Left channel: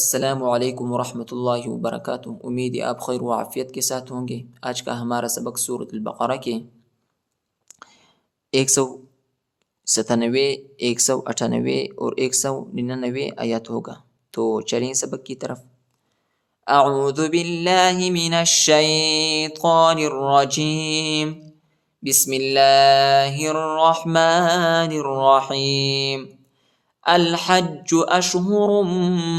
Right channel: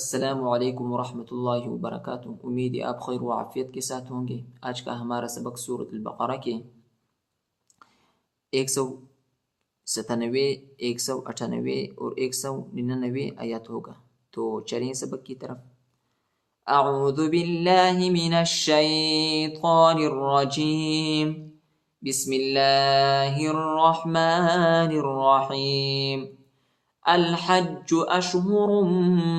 अस्सलामुअलैकुम वरहमतुल्लाहि वबरकातुहू। उम्मीद है आप खैर व आफियत के साथ होंगे। आज का हमारा सबक सूरत अल-बक़रा के 197, 198 और 199 आयत होगा। तो चलें सबक की तरफ। अऊज़ु बिल्लाहि मिनश शैतानिर रजीम। बिस्मिल्लाहिर रहमानिर रहीम। अल हज्जु अशहुरुम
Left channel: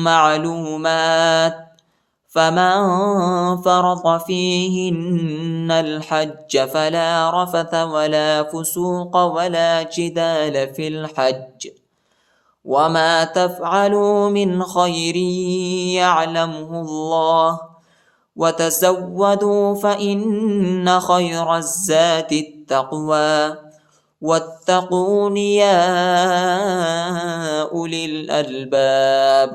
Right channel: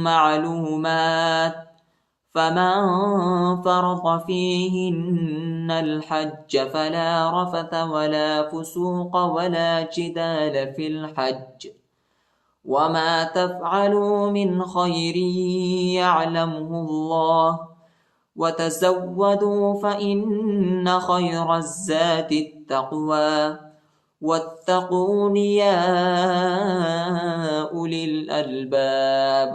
मालूमात फमन फरद फीहिन्नल हज्ज फला रफथ वला फुसूक वला जिदाल फिल हज्ज वमा तफ़अलू मिन खैरिन यअलमुहुल्लाह वतज़व्वदू फ़इन्न खैरज़्ज़ादित्तक़वा वत्तक़ून या उलिल अलबाब।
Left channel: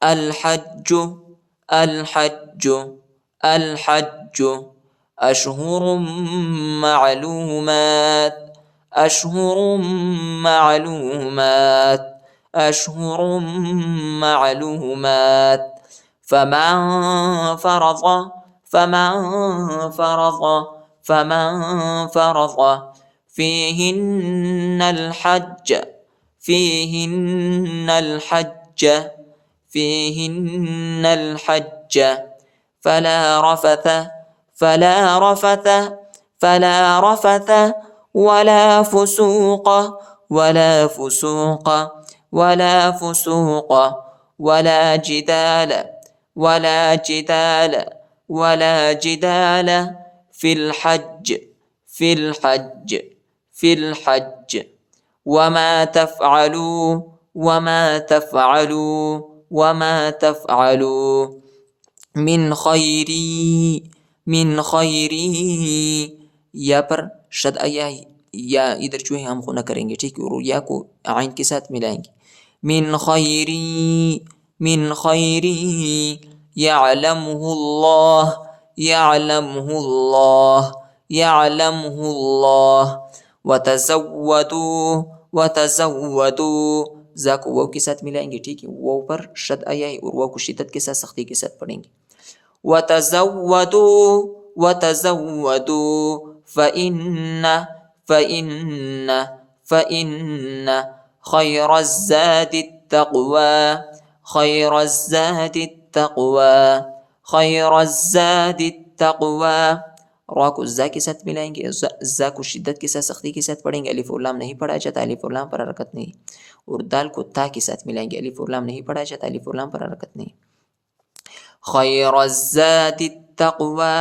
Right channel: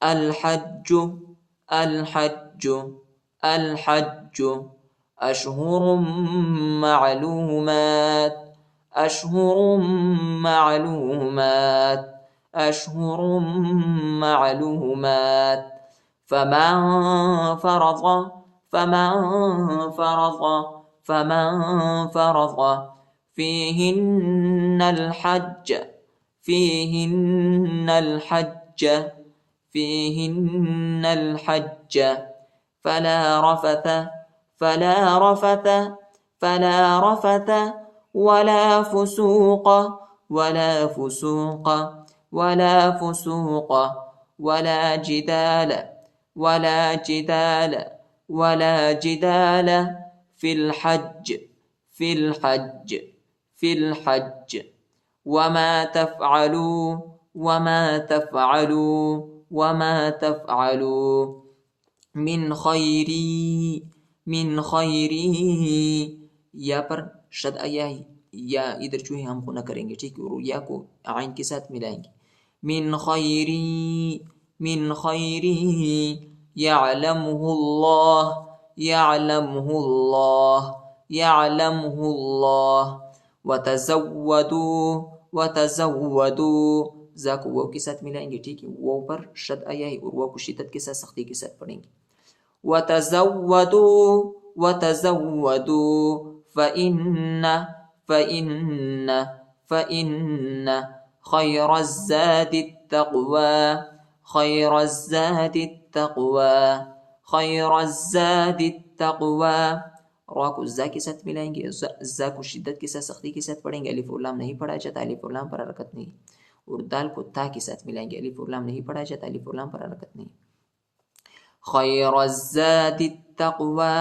अल हज्जु अशहुरुम मालूमात फमन फरज़ फीहिन्नल हज्ज फला रफथ वला फुसूक वला जिदाल फिल हज्ज वमा तफ़अलू मिन खैरी। या पर शद आया या इधर जो है हम खुना करेंगे, ठीक है, और या को आइन के साथ मिलाएंगे। मिन खैरी यअलमुहुल्लाह वतज़व्वदू जा को वाव के साथ मिलाएंगे, ठीक है, वाव पर शद आया है और वाव को शिद्दत के साथ सख्ती के साथ पढ़ेंगे। वतज़व्वदू फ़इन्न खैरज़्ज़ादित्तक़वा। रा को जा के साथ मिलाएंगे, जा को शिद्दत के साथ सख्ती के साथ पढ़ेंगे। अलिफ और लाम नहीं पढ़ा जाता, अलिफ और लाम पर हरकत नहीं। और दाल को ता के साथ मिलाएंगे, अलिफ और लाम नहीं पढ़ा जाता, अलिफ और लाम पर हरकत नहीं। खैरज़्ज़ादित्तक़वा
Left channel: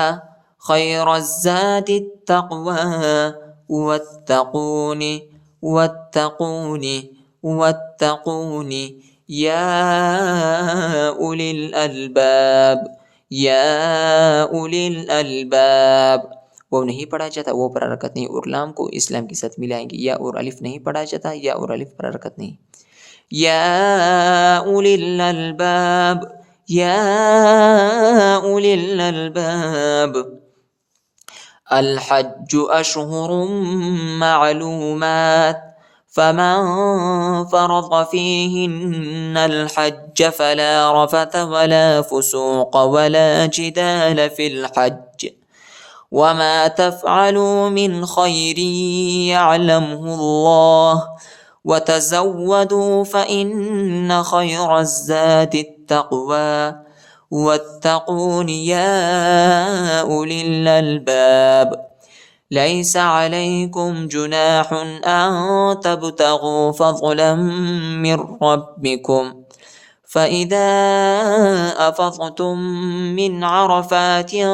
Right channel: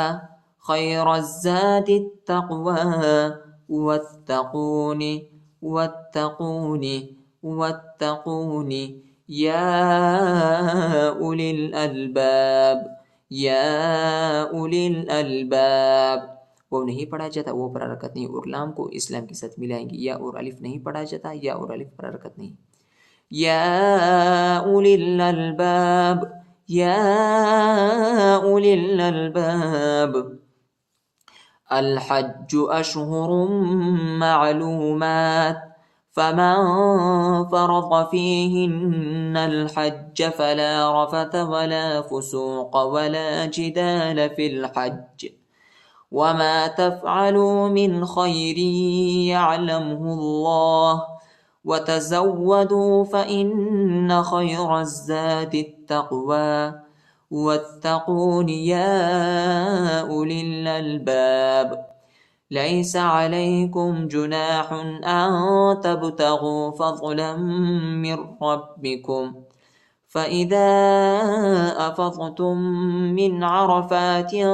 वत्तक़ून या उलिल अलबाब। वो नहीं पढ़ा जाता, वो पर हरकत नहीं। और लाम को इस्लाम के साथ मिलाएंगे। या और अलिफ नहीं पढ़ा जाता, या और अलिफ पर हरकत नहीं। या उलिल अलबाब। अल हज्जु अशहुरुम मालूमात फमन फरज़ फीहिन्नल हज्ज फला रफथ वला फुसूक वला जिदाल फिल हज्ज वमा तफ़अलू मिन खैरिन यअलमुहुल्लाह वतज़व्वदू फ़इन्न खैरज़्ज़ादित्तक़वा वत्तक़ून या उलिल अलबाब। लैस अलैकुम जुनाहुन अन तब्तगू फ़ज़लन मिन रब्बिकुम फ़इज़ा अफ़ज़्तुम मिन अरफ़ातिन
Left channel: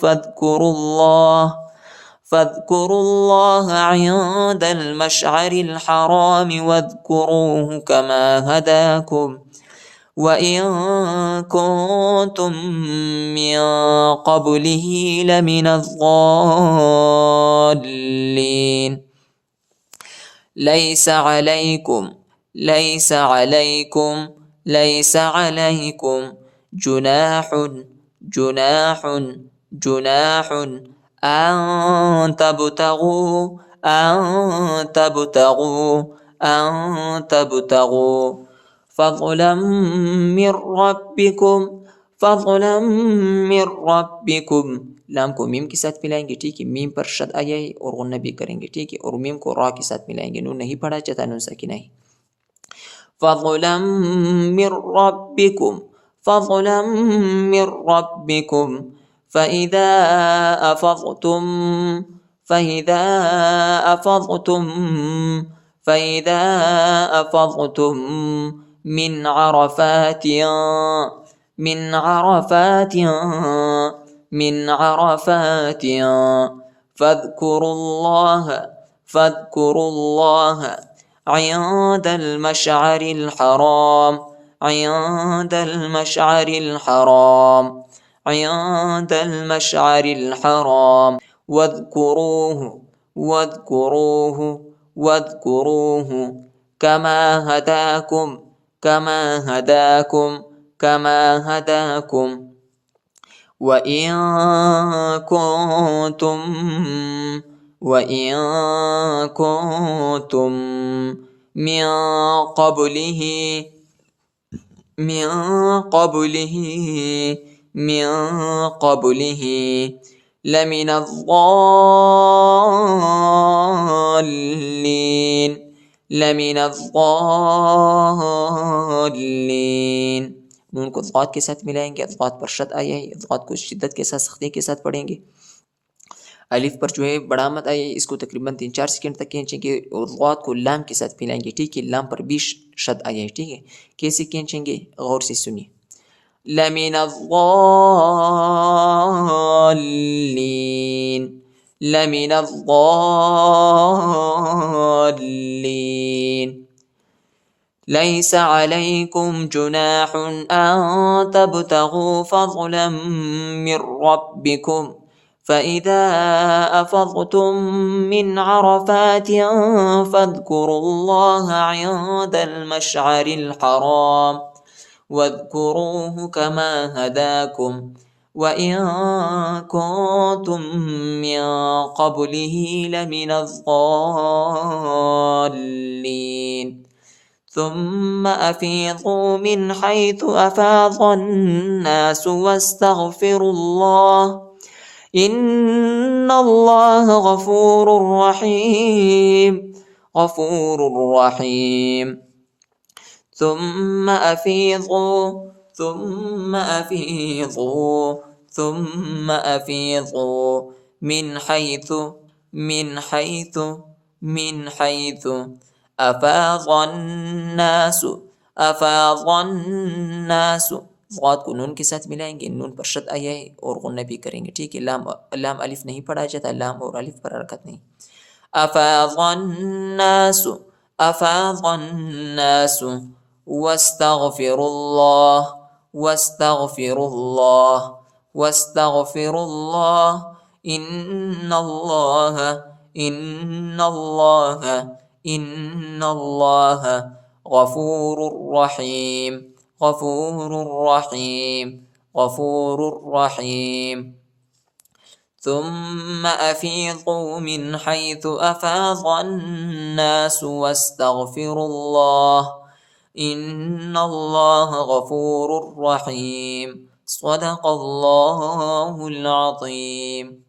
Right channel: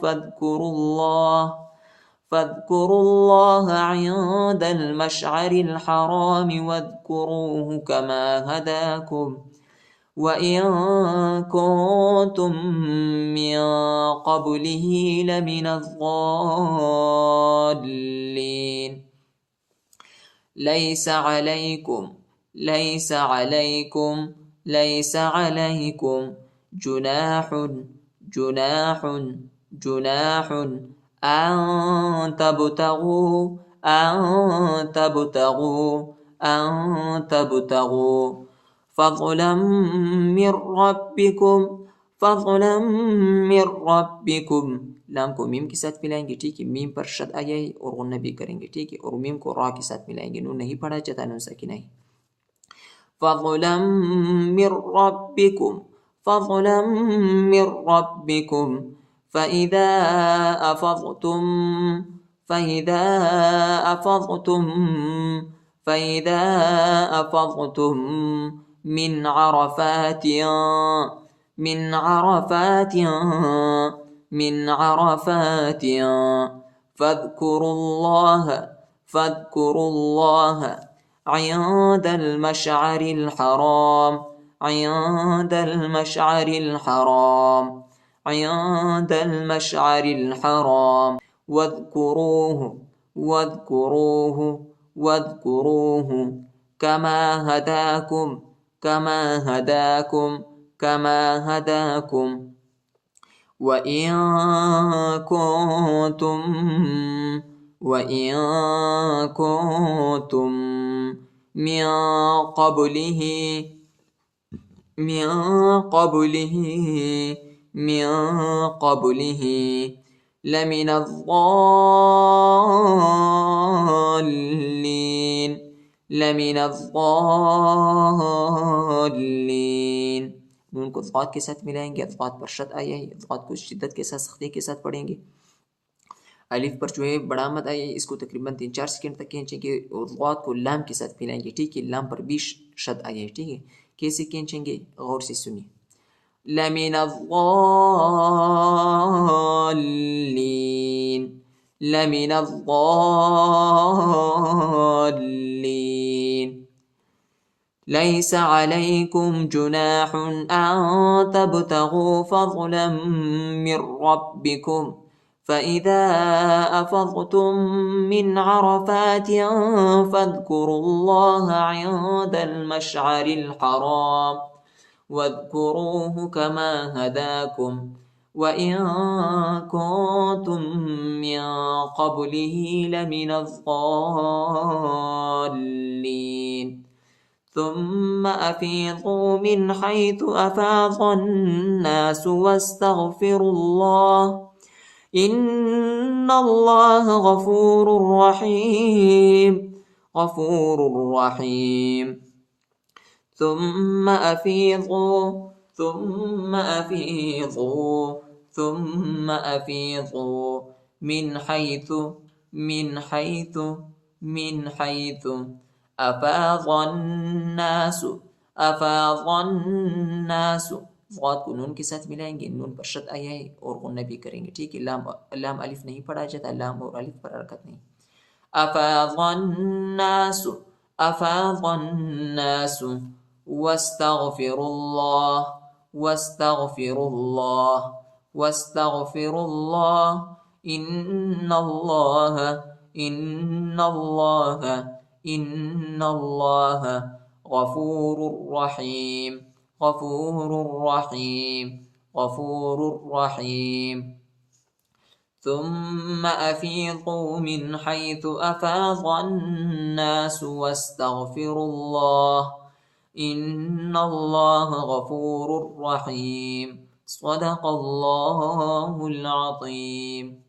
फ़ाज़्कुरुल्लाह इंदल मशअरिल हराम वज़्कुरूहु कमा हदाकुम वइन कुन्तुम मिन क़ब्लिही लमिनज़्ज़ाल्लीन। लैस अलैकुम जुनाहुन अन तब्तगू فضلا من ربكم فضلا من ربكم لام को मीम के साथ मिलाएंगे, ठीक है. मीम पर शद आया है और गुन्ना भी करेंगे, ठीक है. और मीम को रा के साथ मिलाएंगे, नून नहीं पढ़ा जाता, नून साकिना है. فضلا من ربكم فضلا من ربكم فإذا أفضتم فإذا أفضتم فإذا أفضتم من عرفات من عرفات من عرفات فاذكروا الله فاذكروا الله عند المشعر الحرام عند المشعر الحرام عند المشعر الحرام واذكروه واذكروه واذكروه كما هداكم كما هداكم كما هداكم وإن كنتم وإن كنتم من قبله من قبله من قبله لمن الضالين لمن الضالين. नून को ज़ात के साथ मिलाएंगे, ज़ात पर शद आया है, ज़ात को शिद्दत के साथ सख्ती के साथ पढ़ेंगे. अलिफ पर जो है बड़ा मत आया है, इसको तकरीबन 3-4 सेकंड तक खींचेंगे और ज़ात को लाम के साथ मिलाएंगे, ठीक है. लाम पर भी शद आया है, ठीक है. कैसे खींचेंगे गौर से सुनिए. लमिन الضالين لمن الضالين ليس عليكم جناح أن تبتغوا فضلا من ربكم فإذا أفضتم من عرفات فاذكروا الله عند المشعر الحرام واذكروه كما هداكم وإن كنتم من قبله لمن الضالين ثم أفيضوا من حيث أفاض الناس واستغفروا الله إن الله غفور رحيم غفور رحيم. ثم أفيضوا ثم أفيضوا ثم أفيضوا من حيث من حيث من حيث أفاض الناس أفاض الناس. ज़ात को नून के साथ मिलाएंगे, नून पर शद आया है और गुन्ना भी करेंगे, ठीक है. लाम लाम अलिफ नहीं पढ़ा जाता, लाम और अलिफ पर हरकत नहीं. أفاض الناس أفاض الناس واستغفر الله واستغفر الله واستغفر الله إن الله إن الله إن الله غفور رحيم غفور رحيم غفور رحيم. ثم أفيضوا من حيث أفاض الناس واستغفروا الله إن الله غفور رحيم. صدق الله العظيم.